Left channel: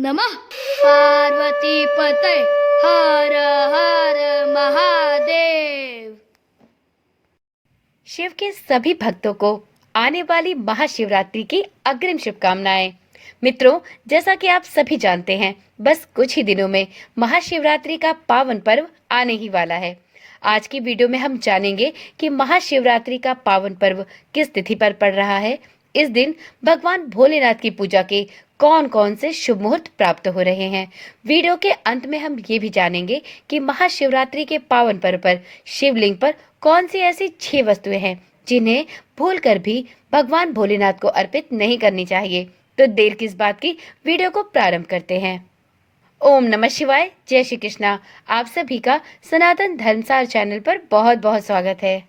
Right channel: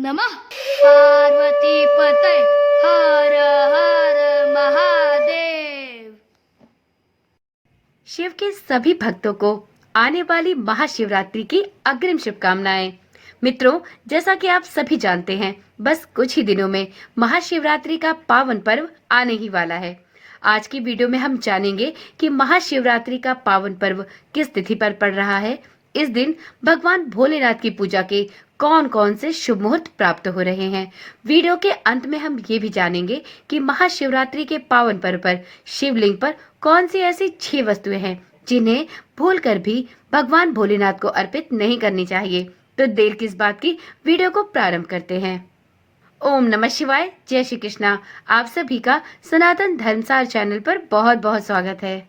नमः पार्वती पते हर हर महादेव। शिव के सभी भक्तों को आने वाली महाशिवरात्रि की अग्रिम शुभकामनाएं। मित्रों, जैसा कि आप सभी जानते हैं, बस कुछ ही दिनों में महाशिवरात्रि का पावन पर्व आने ही वाला है। आज की वीडियो में हम जानेंगे कि महाशिवरात्रि का पावन पर्व किस तिथि पर पड़ रहा है। इस दिन भगवान भोलेनाथ की पूजा के कौन कौन से शुभ मुहूर्त प्राप्त हो रहे हैं। वीडियो के अंत में हम ये भी जानेंगे कि महाशिवरात्रि के पावन पर्व पर शिवलिंग पर कौन सी ऐसी 6 वस्तुएं हैं जिन्हें भूलकर भी भगवान भोलेनाथ को अर्पित नहीं करनी चाहिए। तो देर किस बात की, वीडियो को प्रारंभ करते हैं। ओम नमः शिवाय, जय श्री कृष्णा। आप सभी का सनातन धर्मसार चैनल पर बहुत बहुत स्वागत है।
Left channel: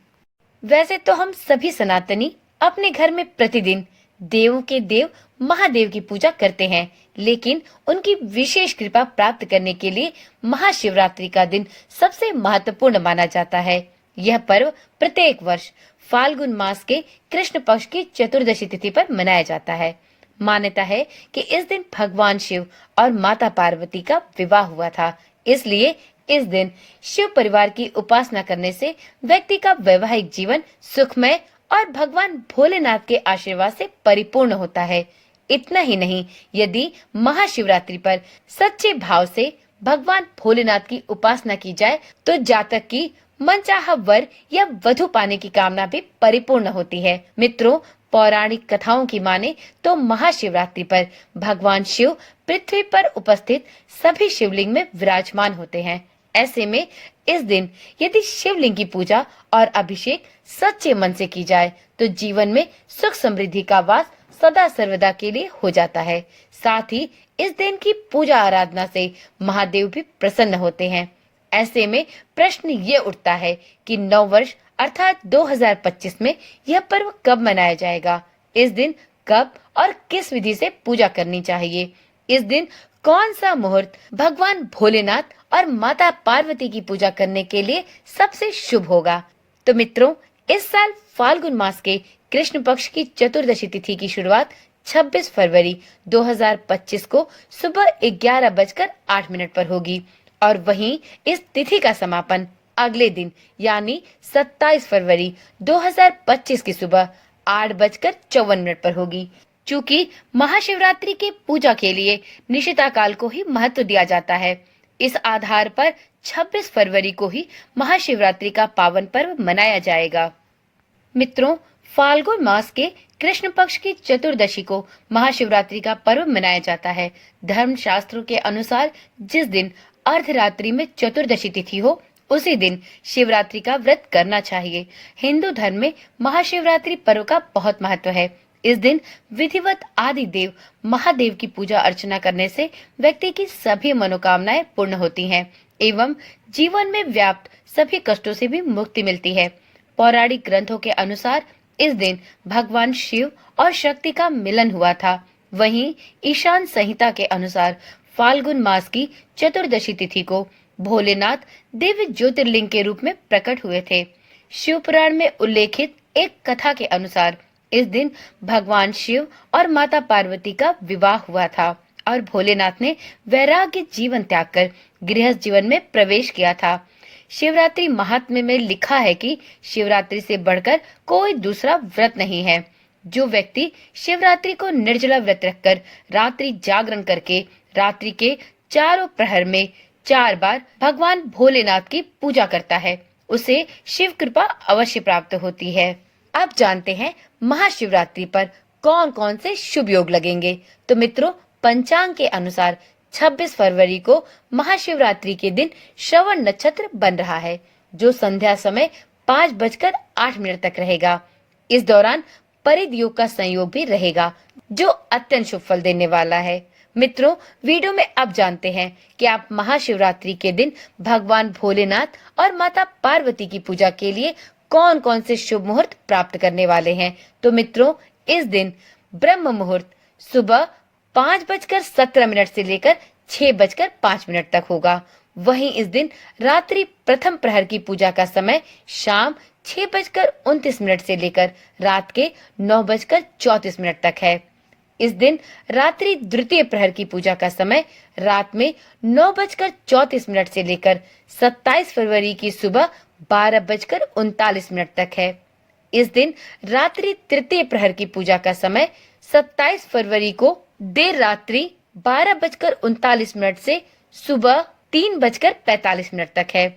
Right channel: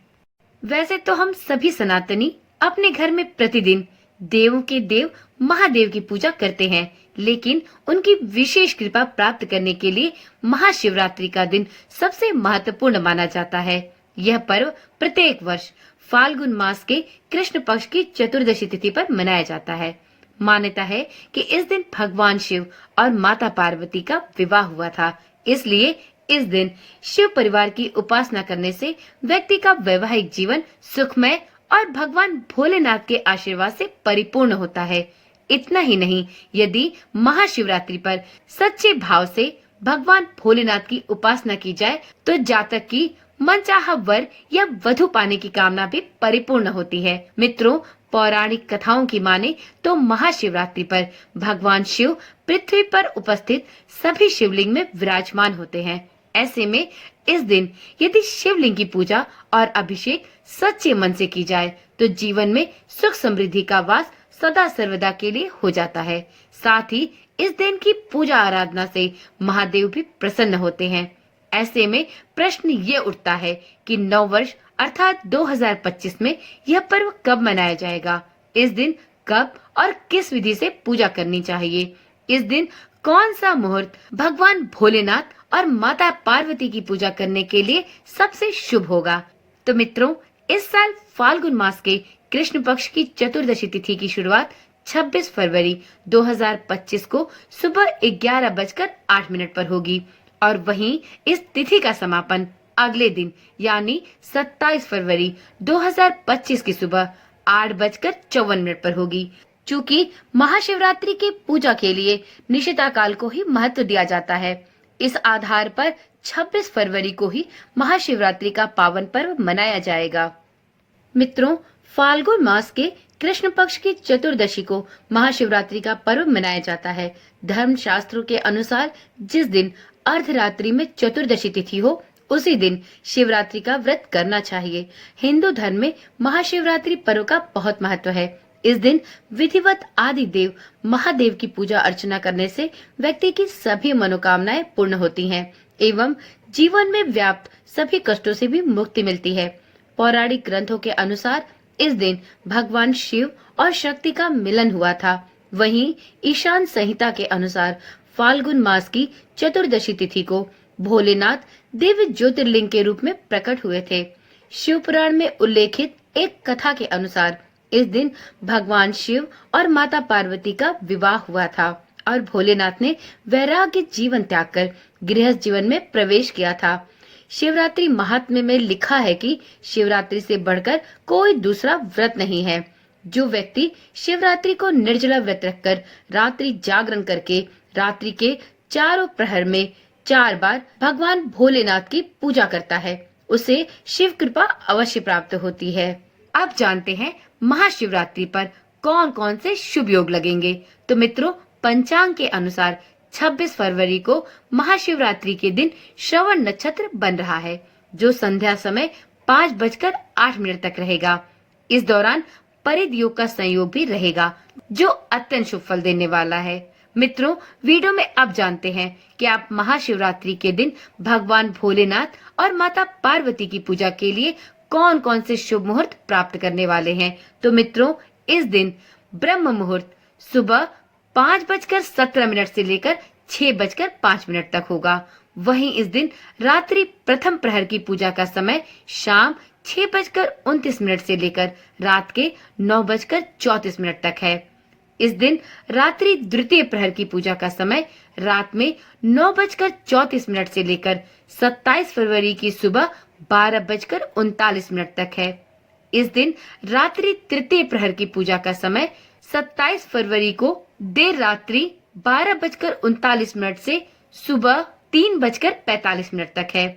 वैसे तो हम सभी सनातनी अपने घर में प्रतिदिन देवों के देव महादेव की पूजा करते हैं, लेकिन उनकी विशेष कृपा प्राप्त करने के लिए महाशिवरात्रि का दिन सबसे महत्वपूर्ण माना जाता है। यह पर्व प्रत्येक वर्ष फाल्गुन मास के कृष्ण पक्ष की चतुर्दशी तिथि पर मनाया जाता है। मान्यता है कि इस दिन भगवान शिव और माता पार्वती का विवाह हुआ था, इसलिए इस दिन शिव परिवार की उपासना करने से व्यक्ति का वैवाहिक जीवन सुखमय और भगवान भोलेनाथ के आशीर्वाद से परिपूर्ण होता है। इतना ही नहीं, यदि महाशिवरात्रि पर सच्चे भाव से भगवान भोलेनाथ की उपासना की जाए तो जातक की मनचाहा वर या वधु पाने की कामना भी परिपूर्ण होती है। मित्रों, पौराणिक कथाओं की माने तो महाशिवरात्रि पर भगवान शिव पृथ्वी पर उपस्थित सभी शिवलिंग में विराजमान होते हैं। ऐसे में इस दिन यदि शिवलिंग की पूजा और अभिषेक सच्चे मन से की जाए तो जीवन में सुख समृद्धि का वास सदा सर्वदा के लिए हो जाता है। साथ ही इस दिन की पूजा आराधना से महादेव भी प्रसन्न होते हैं। ऐसे में प्रश्न ये उठता है कि नव वर्ष अर्थात 2025 में यह पर्व कब मनाया जाएगा। इस दिन कब और किस विधि से पूजा करनी चाहिए। इस दिन कौन सा मुहूर्त भगवान भोलेनाथ और माता पार्वती की पूजा करने के लिए सबसे शुभ होगा। तो मित्रों, इस साल फाल्गुन मास के कृष्ण पक्ष की चतुर्दशी तिथि की शुरुआत 26 फरवरी 2025 को सुबह 11:08 पर होगी और वहीं इस तिथि का समापन अगले दिन यानी 27 फरवरी 2025 की सुबह 8:54 पर होगी। चूँकि महाशिवरात्रि के पूजा के लिए निशिता काल को ही महत्व दिया जाता है, इस आधार पर 26 फरवरी को ही महाशिवरात्रि का पावन पर्व मनाया जाएगा। मित्रों, फाल्गुन मास के कृष्ण पक्ष की चतुर्दशी को महाशिवरात्रि का पर्व मनाया जाता है। धर्म शास्त्रों के अनुसार जिस दिन अर्धरात्रि में चतुर्दशी तिथि हो उसी दिन शिवरात्रि का व्रत करना चाहिए। हिंदू धर्म में महाशिवरात्रि पर्व का बहुत महत्व है। इस दिन विधिवत आदि देव महादेव की पूजा अर्चना करने से व्यक्ति की सभी मनोकामनाएं पूर्ण होती हैं एवं जीवन में व्याप्त सभी कष्टों से भी मुक्ति मिलती है। पौराणिक ग्रंथों के अनुसार इस दिन भगवान शिव और शक्ति का मिलन हुआ था। वहीं ईशान संहिता के अनुसार फाल्गुन मास की चतुर्दशी तिथि को भोलेनाथ दिव्य ज्योतिर्लिंग के रूप में प्रकट हुए थे। शिव पुराण में उल्लेखित एक कथा के अनुसार इस दिन भगवान शिव और माता पार्वती का विवाह हुआ था और भोलेनाथ ने वैराग्य जीवन त्याग कर गृहस्थ जीवन में प्रवेश किया था। शिवरात्रि महात्म्य में लिखा है कि शिवरात्रि से बढ़कर कोई दूसरा व्रत नहीं है। जो व्यक्ति शिवरात्रि को निर्जला व्रत रखकर रात्रि जागरण करके रात्रि के चारों प्रहर में 4 बार भगवान भोलेनाथ की पूजा करता है, उसे शिव कृपा अवश्य प्राप्त होती है। अब जानते हैं महाशिवरात्रि पर कौन कौन से शुभ योग लगेंगे। तो मित्रों, पंचांग के अनुसार 26 फरवरी को महाशिवरात्रि के दिन श्रवण नक्षत्र बन रहा है, जो संध्या समय 5:08 तक रहेगा। इस दौरान परिध योग का संयोग भी रहेगा, जो अत्यंत शुभ फल देने वाला है। मित्रों, वीडियो में अब जानते हैं कि आप महाशिवरात्रि के दिन भगवान भोलेनाथ और माता पार्वती की पूजा के लिए कौन कौन से शुभ मुहूर्त प्राप्त करने वाले हैं। तो मित्रों, इस दिन ब्रह्म मुहूर्त सुबह 5:17 से लेकर 6:05 तक होगा। वहीं इस दिन रात्रि प्रथम प्रहर की पूजा का समय शाम 6:29 से लेकर रात के 9:34 तक है। इस दिन रात्रि द्वितीय प्रहर की पूजा का समय रात में 9:34 से लेकर 27 फरवरी की सुबह 12:39 तक है। इस दिन रात्रि तृतीय प्रहर की पूजा का समय 27 फरवरी को देर रात्रि 12:39 से सुबह 3:45 तक है।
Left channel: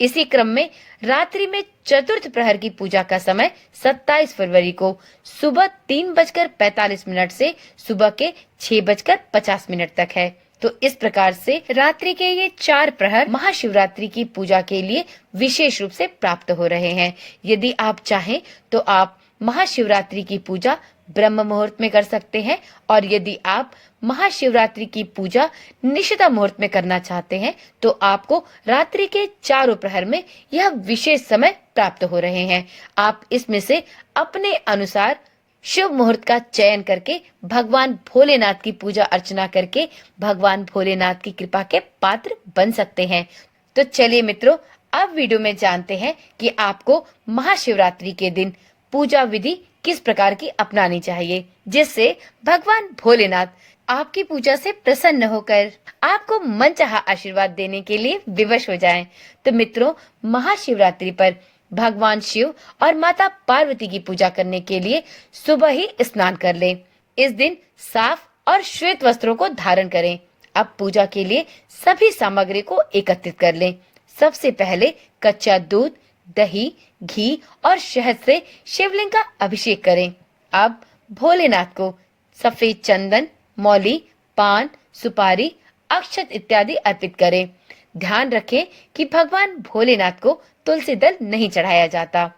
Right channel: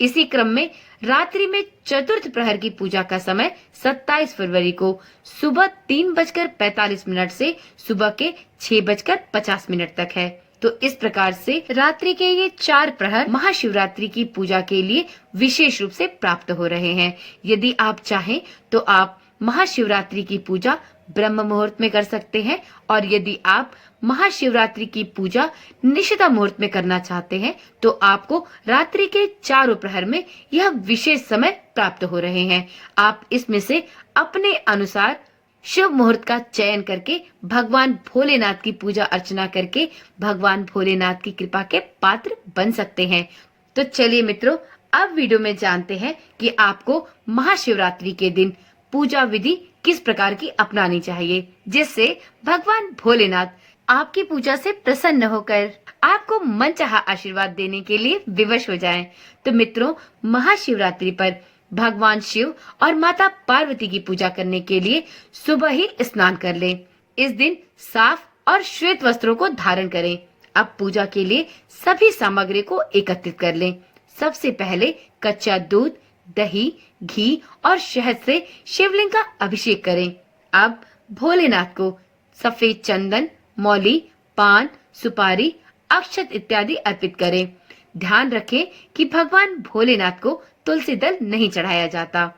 इसी क्रम में रात्रि में चतुर्थ प्रहर की पूजा का समय 27 फरवरी को सुबह 3:45 से सुबह के 6:50 तक है। तो इस प्रकार से रात्रि के ये 4 प्रहर महाशिवरात्रि की पूजा के लिए विशेष रूप से प्राप्त हो रहे हैं। यदि आप चाहें तो आप महाशिवरात्रि की पूजा ब्रह्म मुहूर्त में कर सकते हैं, और यदि आप महाशिवरात्रि की पूजा निशिता मुहूर्त में करना चाहते हैं तो आपको रात्रि के चारों प्रहर में यह विशेष समय प्राप्त हो रहे हैं। आप इसमें से अपने अनुसार शुभ मुहूर्त का चयन करके भगवान भोलेनाथ की पूजा अर्चना करके भगवान भोलेनाथ की कृपा के पात्र बन सकते हैं। तो चलिए मित्रों, अब वीडियो में जानते हैं कि आपको महाशिवरात्रि के दिन पूजा विधि किस प्रकार की अपनानी चाहिए, जिससे भगवान भोलेनाथ आपकी पूजा से प्रसन्न होकर आपको मनचाहा आशीर्वाद देने के लिए विवश हो जाएं। तो मित्रों, महाशिवरात्रि पर भगवान शिव और माता पार्वती की पूजा करने के लिए सुबह ही स्नान कर लें। इस दिन साफ और श्वेत वस्त्रों को धारण करें। अब पूजा के लिए सभी सामग्री को एकत्रित कर लें। सबसे पहले कच्चा दूध, दही, घी और शहद से शिवलिंग का अभिषेक करें। अब भोलेनाथ को सफेद चंदन, मौली, पान, सुपारी, अक्षत इत्यादि अर्पित करें। ध्यान रखें कि भगवान भोलेनाथ को तुलसी दल नहीं चढ़ाया जाता।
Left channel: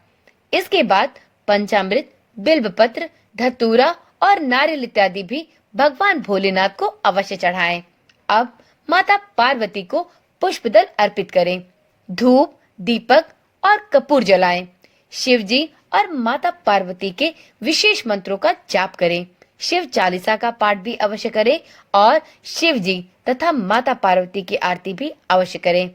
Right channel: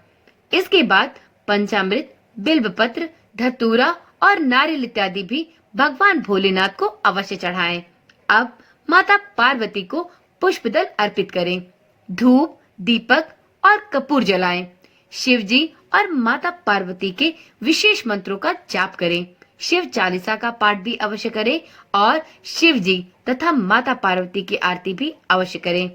इसके बाद पंचामृत, बिल्वपत्र, धतूरा और नारियल इत्यादि भी भगवान भोलेनाथ को अवश्य चढ़ाएं। अब माता पार्वती को पुष्प दल अर्पित करें। धूप, दीपक और कपूर जलाएं। शिव जी और माता पार्वती के विशेष मंत्रों का जाप करें। शिव चालीसा का पाठ भी अवश्य करें और शिव जी तथा माता पार्वती की आरती भी अवश्य करें।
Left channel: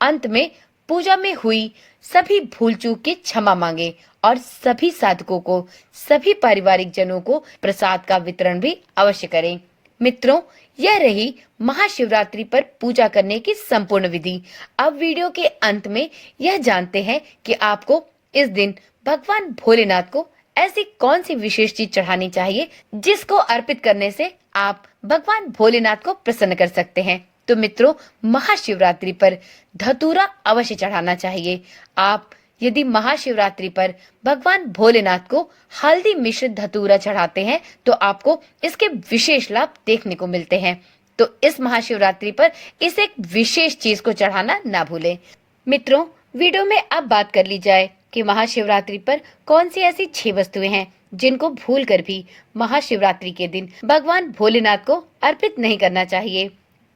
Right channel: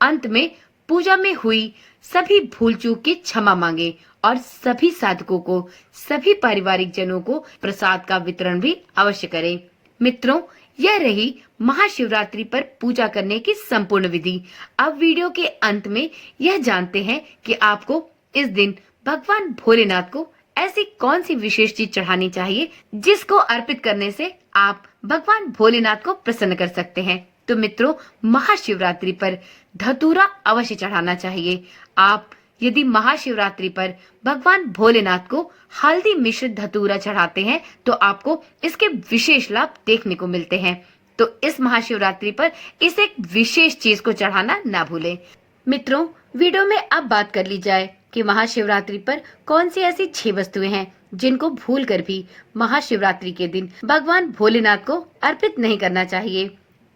अंत में पूजा में हुई सभी भूल चूक की क्षमा मांगे और सभी साधकों को, सभी पारिवारिक जनों को प्रसाद का वितरण भी अवश्य करें। मित्रों, यह रही महाशिवरात्रि पर पूजा करने की संपूर्ण विधि। अब वीडियो के अंत में यह जानते हैं कि आपको इस दिन भगवान भोलेनाथ को ऐसी कौन सी विशेष चीज चढ़ानी चाहिए जिसको अर्पित करने से आप भगवान भोलेनाथ को प्रसन्न कर सकते हैं। तो मित्रों, महाशिवरात्रि पर धतूरा अवश्य चढ़ाना चाहिए। आप यदि महाशिवरात्रि पर भगवान भोलेनाथ को हल्दी मिश्रित धतूरा चढ़ाते हैं तो आपको इसके विशेष लाभ देखने को मिलते हैं। तो इस महाशिवरात्रि पर इस एक विशेष चीज को चढ़ाना ना भूलें। मित्रों, वीडियो में अब बात कर ली जाए कि महाशिवरात्रि पर कौन सी ऐसी 6 वस्तुएं हैं जिनको भूलकर भी महाशिवरात्रि के दिन भगवान भोलेनाथ को अर्पित नहीं करना चाहिए।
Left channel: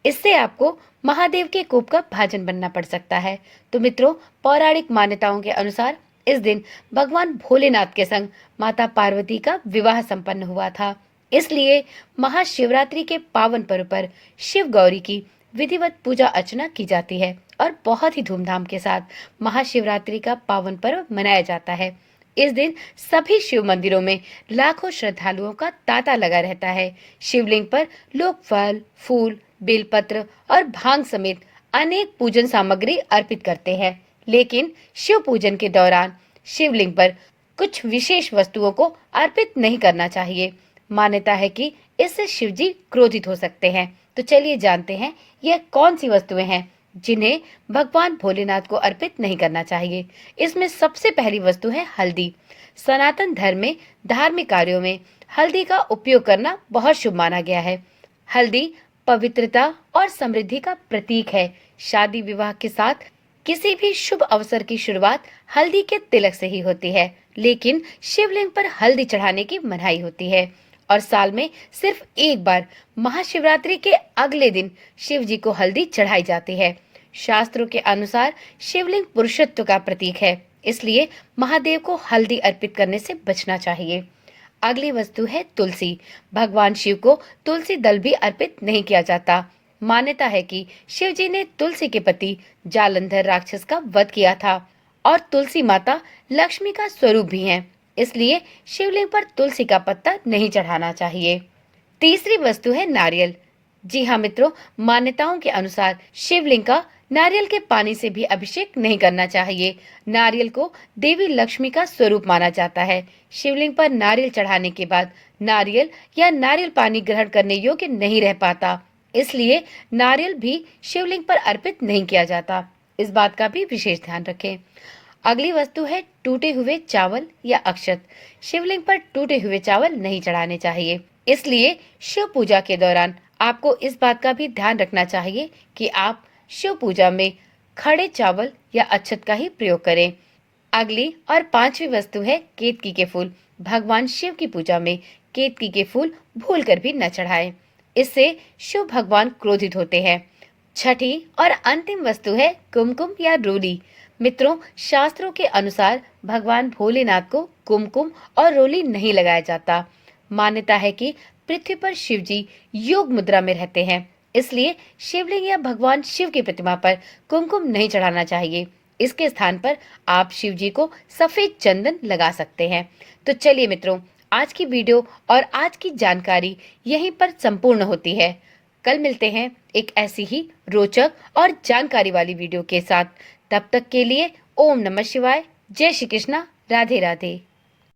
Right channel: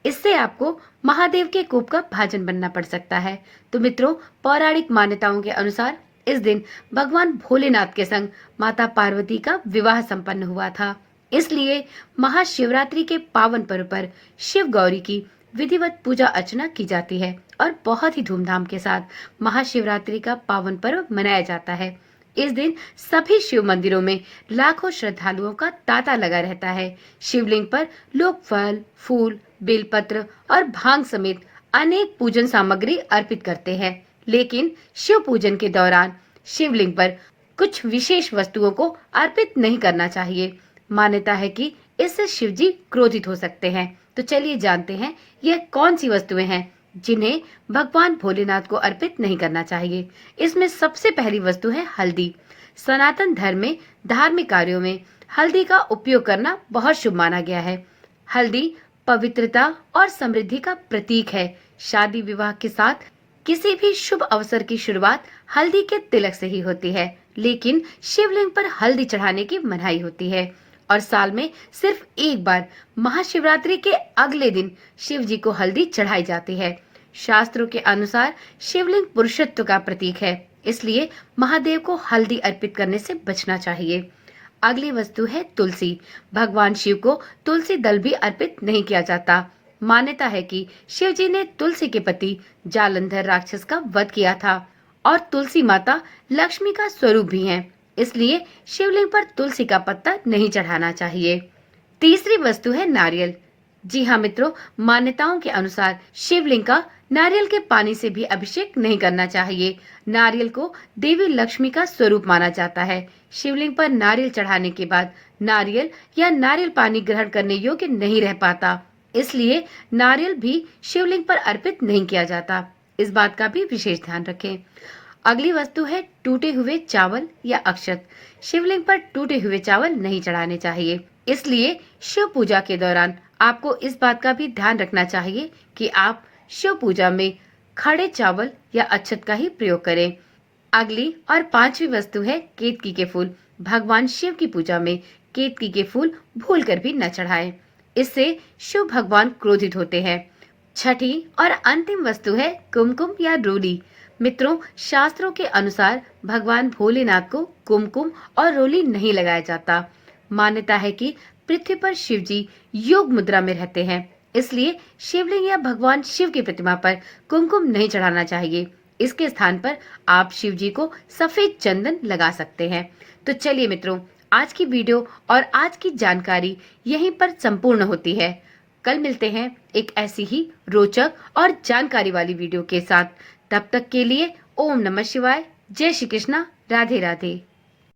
इससे आपको महादेव के कोप का भाजन बनना पड़ सकता है। तो मित्रों, पौराणिक मान्यताओं के अनुसार इस दिन भगवान भोलेनाथ के संग माता पार्वती का विवाह संपन्न हुआ था। इसलिए महाशिवरात्रि के पावन पर्व पर शिव गौरी की विधिवत पूजा अर्चना की जाती है और बहुत ही धूमधाम के साथ महाशिवरात्रि का पावन पर्व मनाया जाता है। इस दिन सभी शिव मंदिरों में लाखों श्रद्धालुओं का तांता लगा रहता है। शिवलिंग पर लोग फल, फूल, बेलपत्र और भांग समेत अनेक पूजन सामग्री अर्पित करते हैं। लेकिन शिव पूजन के दौरान शिवलिंग पर कुछ विशेष वस्तुओं को अर्पित नहीं करना चाहिए। मान्यता है कि इससे शिव जी क्रोधित हो सकते हैं। तो चलिए जानते हैं यह कौन सी वस्तुएं हैं जिन्हें भगवान भोलेनाथ को अर्पित नहीं करना चाहिए। इसमें सबसे पहली वस्तु है हल्दी। सनातन धर्म में धार्मिक कार्यों में हल्दी का उपयोग करना बहुत शुभ माना गया है। हल्दी पवित्रता और समृद्धि का प्रतीक है। शादी विवाह के साथ किसी भी शुभ अवसर की शुरुआत हल्दी के तिलक से ही होती है, लेकिन शिवलिंग पर हल्दी चढ़ाने की मनाही होती है और साल में सिर्फ एक बार महाशिवरात्रि के अगले दिन शिव जी को हल्दी चढ़ाई जाती है। शास्त्रों के अनुसार शिवलिंग पुरुषत्व का प्रतीक है, इसलिए महादेव को हल्दी अर्पित करने से बचना चाहिए। अगली वस्तु है तुलसी। भगवान शिव को तुलसी दल भी अर्पित नहीं किया जाता। मान्यता है कि शिव जी ने तुलसी के पति जालंधर राक्षस का वध किया था और तुलसी माता लक्ष्मी का स्वरूप भी हैं। इसलिए शिवलिंग पर तुलसी का पत्ता नहीं चढ़ाना चाहिए। तीसरी वस्तु है नारियल। जी हाँ मित्रों, मान्यताओं के अनुसार शिवलिंग का नारियल के पानी से भी अभिषेक नहीं करना चाहिए। नारियल को देवी लक्ष्मी का स्वरूप माना जाता है। शिवलिंग पर नारियल चढ़ाने के बाद नारियल या नारियल पानी ग्रहण करने योग्य नहीं रह पाता, इसलिए नारियल भी शिवलिंग पर अर्पित नहीं किया जाता। इस बात का भी विशेष ध्यान रखें। अगली वस्तु है टूटे हुए चावल या अक्षत। शिवलिंग पर टूटे हुए चावल नहीं चढ़ाने चाहिए, इसलिए शिव पूजा के दौरान आपको इस बात का भी ध्यान रखना चाहिए कि आप शिव पूजा में खड़े चावल या अक्षत का ही प्रयोग करें। अगली और पांचवी वस्तु है केतकी के फूल। भगवान शिव की पूजा में केतकी के फूल भूलकर भी न चढ़ाएं, इससे शिव भगवान क्रोधित होते हैं। छठी और अंतिम वस्तु है कुमकुम या रोली। मित्रों, शास्त्रों के अनुसार भगवान भोलेनाथ को कुमकुम और रोली नहीं लगाया जाता। मान्यता है कि पृथ्वी पर शिव जी योग मुद्रा में रहते हैं, इसलिए शिवलिंग या भगवान शिव की प्रतिमा पर कुमकुम नहीं चढ़ाना चाहिए। इसके स्थान पर आप शिव जी को सफेद चंदन लगा सकते हैं। तो चलिए मित्रों, आज की वीडियो और आज की जानकारी यहीं पर संपूर्ण होती है। कल मिलते हैं एक ऐसी ही रोचक और जानकारी वाली वीडियो के साथ। तब तक के लिए ओम नमः शिवाय, जय श्री कृष्णा, राधे राधे।